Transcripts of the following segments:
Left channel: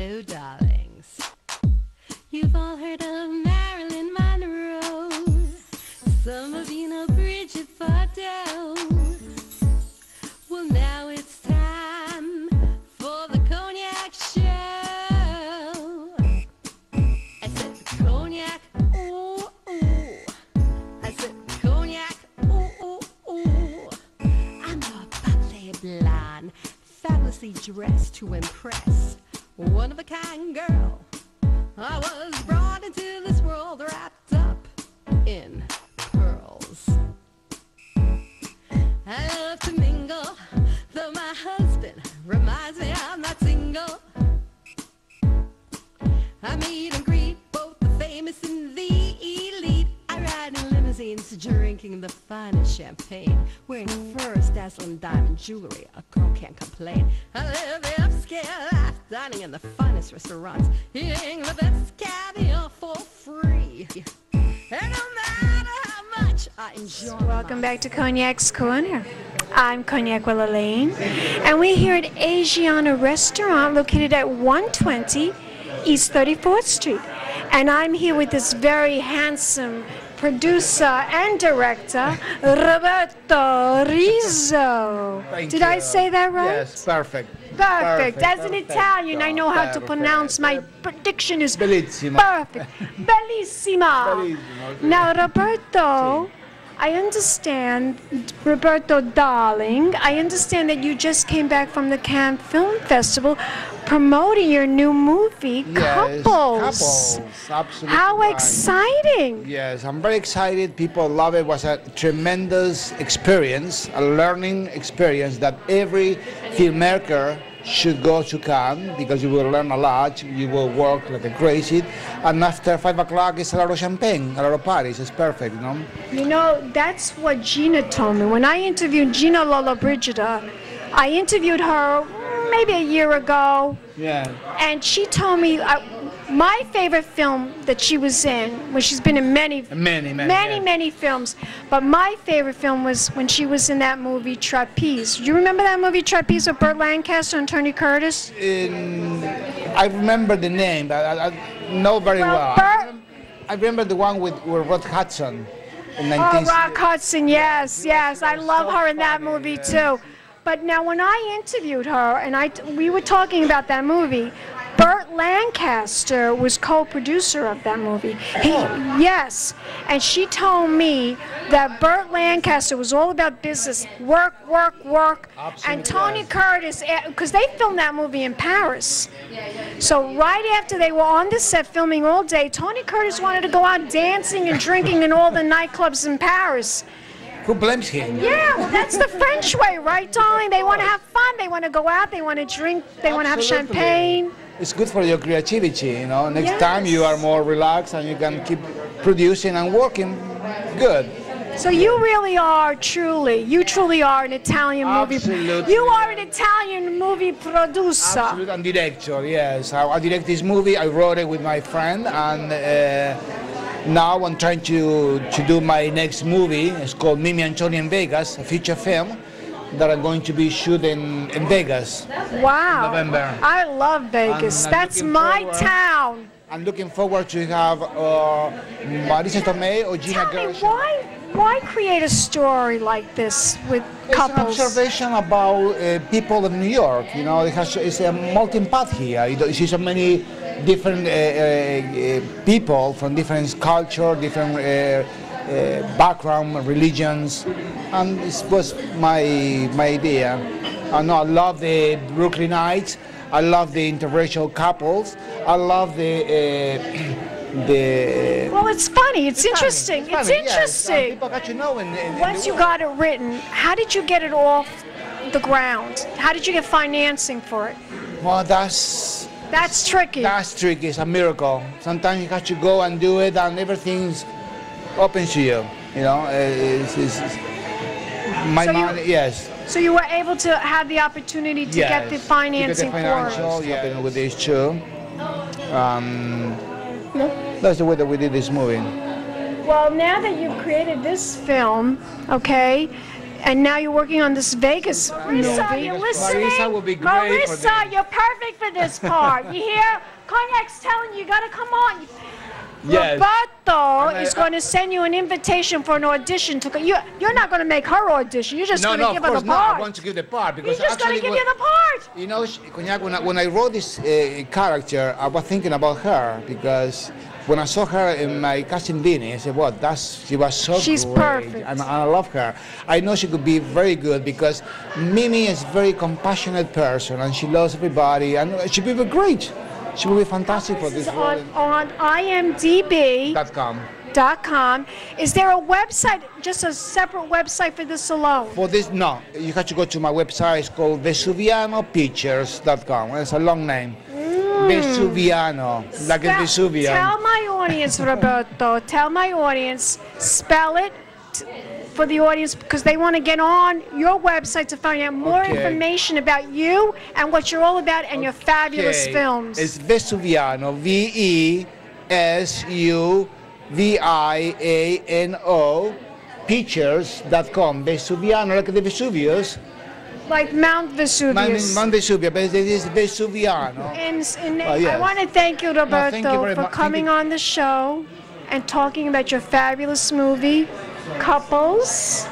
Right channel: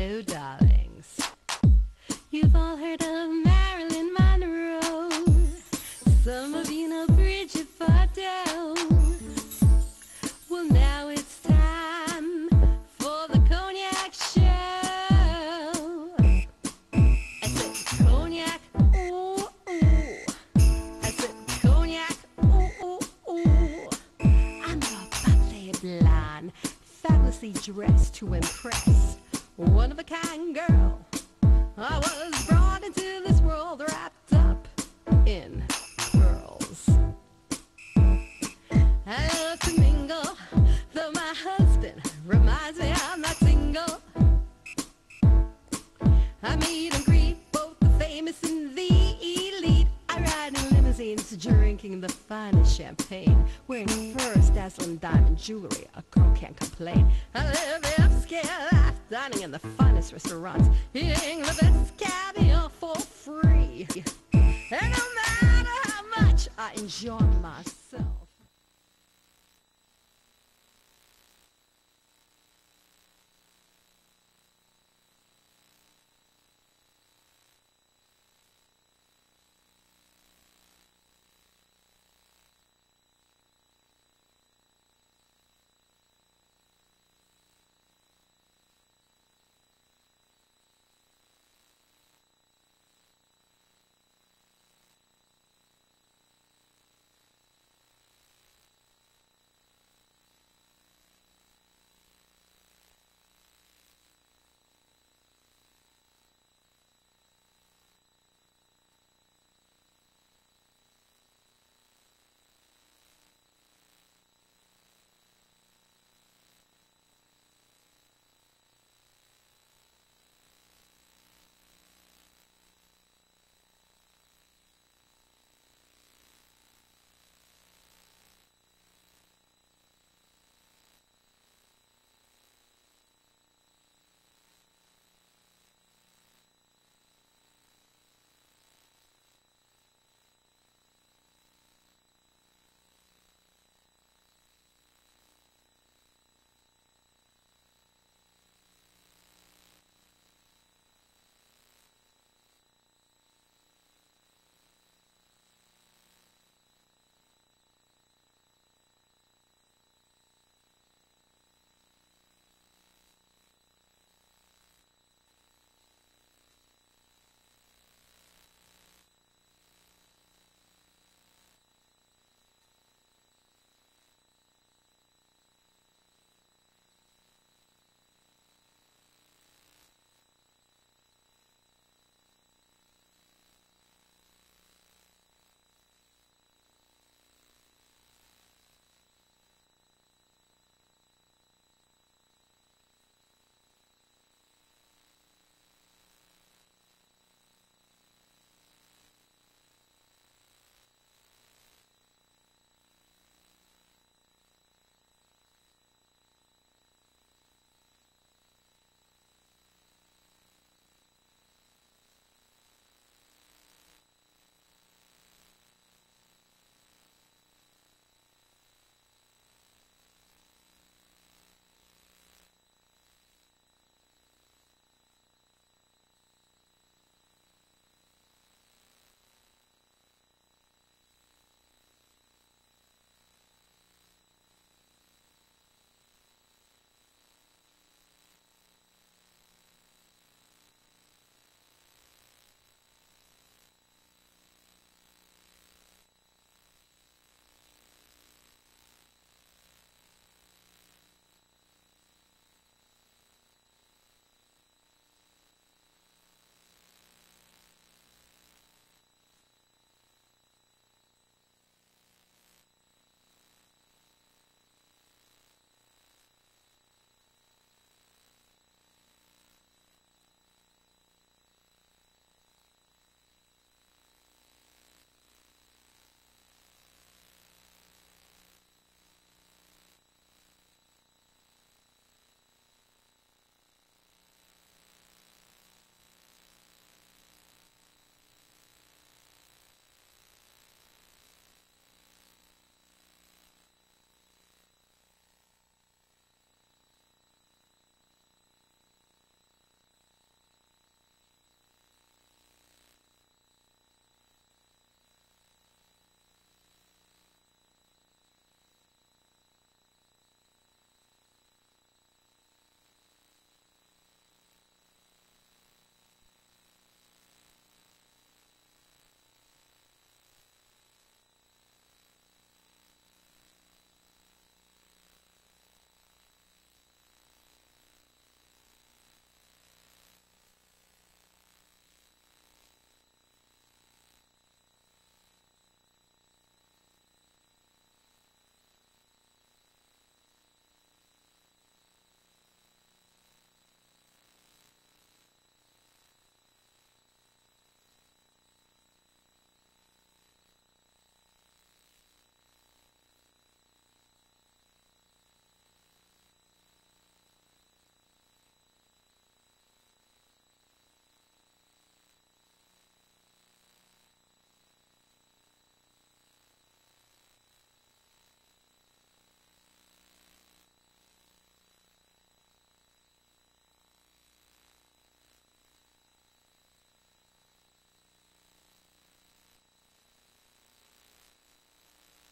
Hello, darlings. You've all heard of Marilyn Monroe. Some of you know Bridget Bardot. Well, now it's time for the Cognac Show. I said cognac, ooh, ooh. I said cognac, ooh, ooh, ooh. I'm a bubbly blonde, fabulously dressed to impress. One of a kind girl. I was brought into this world wrapped up in pearls. I love to mingle, though my husband reminds me I'm not single. I meet and greet both the famous and the elite. I ride in limousines, drinking the finest champagne, wearing furs, dazzling diamond jewelry. A girl can't complain. I live the upscale life, dining in the finest restaurants, eating the best caviar for free. And no matter how much I enjoy Welcome back to Cognac's Corner. I'm Cognac Wellerlane, and we're here at Asiana Restaurant located at 120 East 34th Street. And I'm here with this very handsome producer and director, Roberto Rizzo. Did I say that right? Yes, perfect. Perfect. As an Italian, I know how to pronounce. My prediction is Bellissima. perfect. Bellissima. Now, Roberto, I understand, Roberto darling, I understand that you just came back from the Cannes Film Festival promoting your new movie, Yes, Couples. Absolutely. How right. exciting. Yes, I'm very excited. People love it. It was a tremendous experience, a learning experience that every filmmaker should go to Cannes because you will learn a lot. You will work like a crazy. And after 5 o'clock, it's a lot of champagne, a lot of parties. It's perfect, you know? You know, that's what Gina told me. When I interviewed Gina Lollobrigida, I interviewed her maybe a year ago. Yeah. And she told me my favorite film that she was in, when she's been in many films, but my favorite film was when she was in that movie Trapeze. Do you remember that movie Trapeze with Burt Lancaster and Tony Curtis? I remember the name, but I know very well. I remember the one with Rod Hudson in 19... Oh, Rock Hudson, yes, yes. I love her in that movie too. But now when I interviewed her, and we were talking about that movie, Burt Lancaster was co-producer of that movie. Yes, and she told me that Burt Lancaster was all about business, work, work, work. Absolutely. And Tony Curtis, because they filmed that movie in Paris. So right after they were on the set filming all day, Tony Curtis wanted to go out dancing and drinking in all the nightclubs in Paris. Who blames him? Yeah, well, that's the French way, right, darling? They want to have fun. They want to go out. They want to drink. They want to have champagne. It's good for your creativity, you know. Next time you are more relaxed and you can keep producing and working good. So you really are you truly are an Italian movie. Absolutely. You are an Italian movie producer. Absolutely, and director, yes. I direct this movie. I wrote it with my friend, and now I'm trying to do my next movie. It's called Mimi and Tony in Vegas, a feature film that I'm going to be shooting in Vegas. Wow. In November. I love Vegas. That's my town. I'm looking forward to have Marisa Tomei or Gina Gershon. Tell me, why create a story like this with couples? It's an observation about people of New York. You know, it's a melting pot here. You see so many different people from different culture, different background, religions, and this was my idea. I love the Brooklynites. I love the interracial couples. I love the. Well, it's funny. It's interesting. It's interesting. Yes. People got to know. Once you got it written, how did you get it off the ground? How did you get financing for it? Well, that's tricky. That's tricky. It's a miracle. Sometimes you have to go and do it, and everything's open to you. You know, yes. So you were able to have the opportunity to get the financing for it. Yeah, with these two. That's the way that we did this movie. Well, now that you've created this film, okay, And now you're working on this Vegas movie. Marisa, You listening? Marisa would be great for Marisa, this. you're perfect for this part. You hear? Cognac's telling you, you got to come on. Yes. Roberto is going to send you an invitation for an audition. You're not going to make her audition. You're just going to give her the No, part. I want to give the part because He's just going to give you the part. You know, Cognac, when I wrote this character, I was thinking about her because when I saw her in my casting Vinny, I said, "Well, she was so She's great, perfect. and I love her. I know she could be very good because Mimi is a very compassionate person, and she loves everybody, and she would be great. She would be fantastic for this role." On imdb.com. .com. Is there a website, just a separate website for this alone? For this, no. You have to go to my website. It's called VesuvianoPictures.com. It's a long name. Vesuviano, like a Vesuvian. Tell my audience, Roberto, tell my audience, spell it for the audience because they want to get on your website to find out more information about you and what you're all about and your fabulous films. It's Vesuviano, Vesuviano, pictures.com. Vesuviano, like the Vesuvius. Like Mount Vesuvius. Mount Vesuvius, but it is Vesuviano. Yes. Yes. I want to thank you, Roberto, thank you very for much. coming on the show and talking about your fabulous movie, Couples,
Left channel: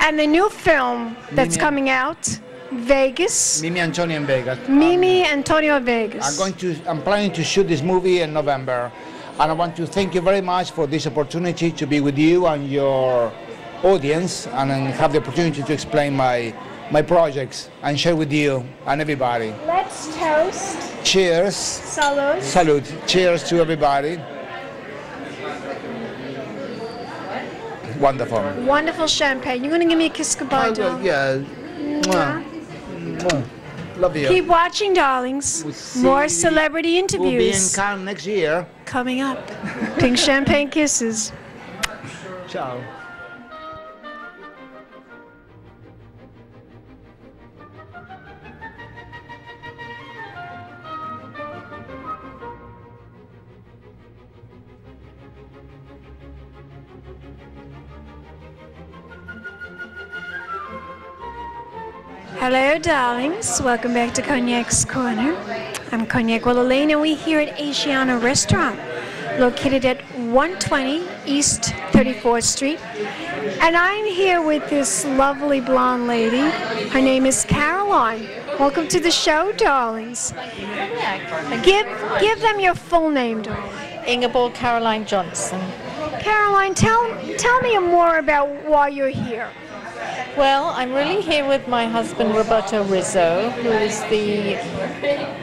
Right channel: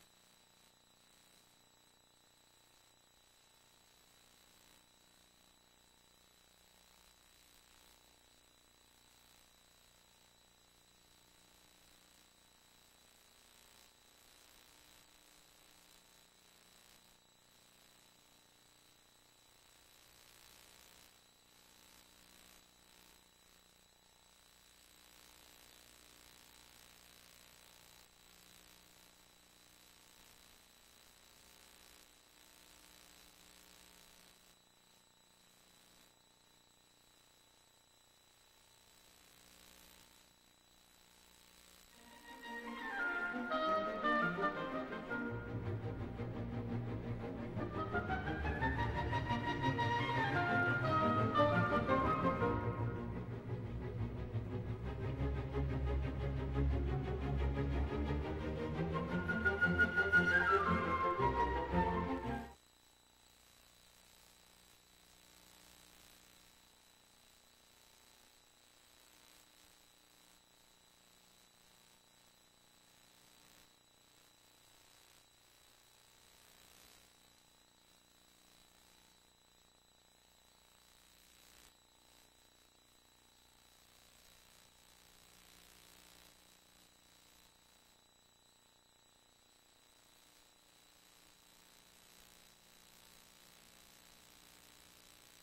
and the new film that's Mimi- coming out, Vegas. Mimi Antonio in Vegas. Mimi Antonio Vegas. I'm planning to shoot this movie in November, and I want to thank you very much for this opportunity to be with you and your audience, and have the opportunity to explain my projects and share with you and everybody. Let's toast. Cheers. Salud. Salud. Cheers to everybody. Wonderful. Wonderful champagne. You're going to give me a kiss goodbye, darling? Yeah. Mwah. Mwah. Love you. Keep watching, darlings. More celebrity We'll be in interviews Cannes next year. coming up. Pink champagne kisses. Ciao. Hello, darlings. Welcome back to Cognac's Corner. I'm Cognac Wellerlane, and we're here at Asiana Restaurant, located at 120 East 34th Street. And I'm here with this lovely blonde lady. Her name is Caroline. Welcome to the show, darlings. Give them your full name, darling. Ingeborg Caroline Johnson. Caroline, tell me more about why you're here. Well, I'm really here with my husband Roberto Rizzo, who is the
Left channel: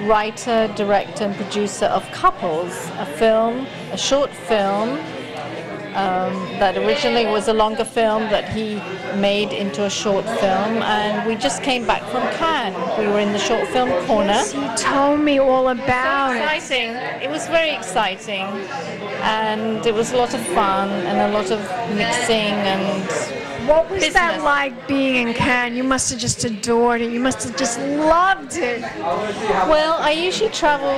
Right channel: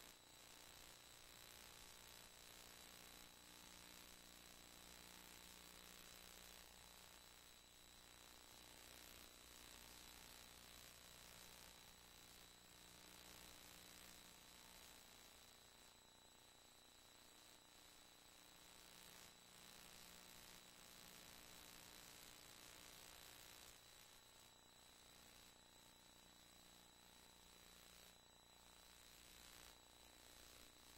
writer, director, and producer of Couples, a short film that originally was a longer film that he made into a short film, and we just came back from Cannes. We were in the short film corner. You told me all about it. Exciting. It was very exciting, and it was a lot of fun and a lot of mixing and What was that business. like being in Cannes? You must have just adored it. You must have just loved it. Well, I usually travel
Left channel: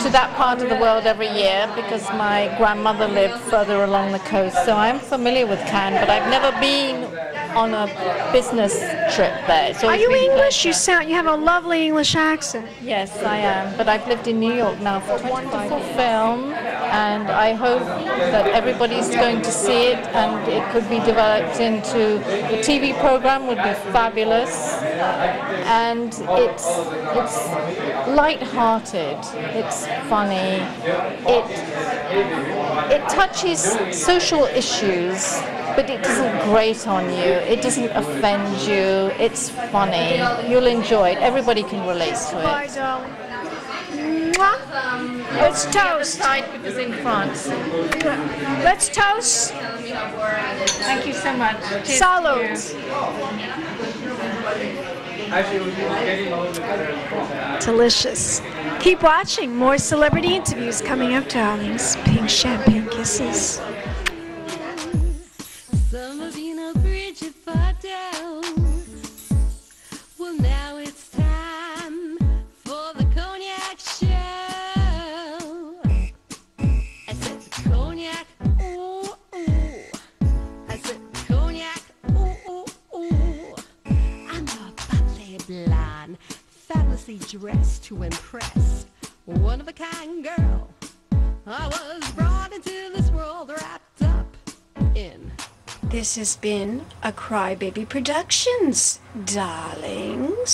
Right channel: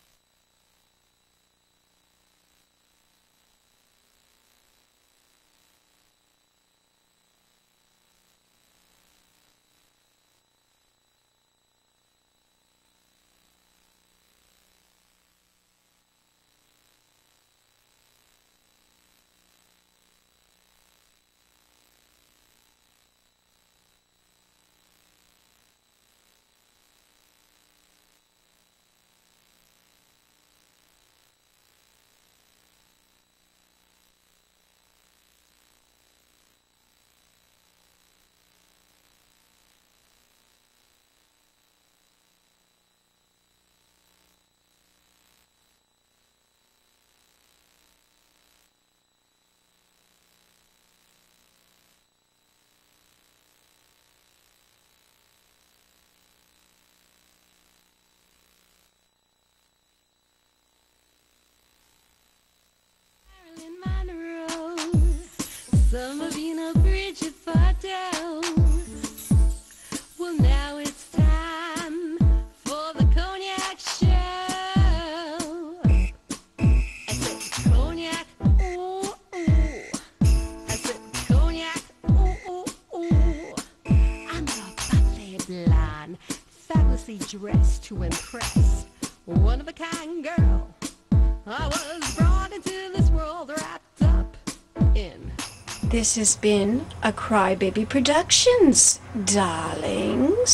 to that part of the world every year because my grandmother lived further along the coast, so I'm familiar with Cannes, but I've never been on a business trip there. So Are you English? You have a lovely English accent. Yes, I am, but I've lived in New York now for 25 years. Film, and I hope that everybody's going to see it, and it could be developed into a TV program. Would be fabulous, and it's light-hearted, it's funny, it touches social issues, but it doesn't grate on you, it doesn't offend you, it's funny, you'll enjoy it, everybody can relate to Bye, it. darling. Mwah. Let's toast. Side because in France. Let's toast. Thank you so much. Cheers. Salud. Delicious. Keep watching. More celebrity interviews coming up, darlings. Pink champagne kisses. Summer being a Bridget far down. Well, now it's time for the cognac show. I said cognac, ooh, ooh. I said cognac, ooh, ooh, dress to impress. One of a kind girl. I was brought into this world wrapped up in. This has been a Crybaby Productions, darlings.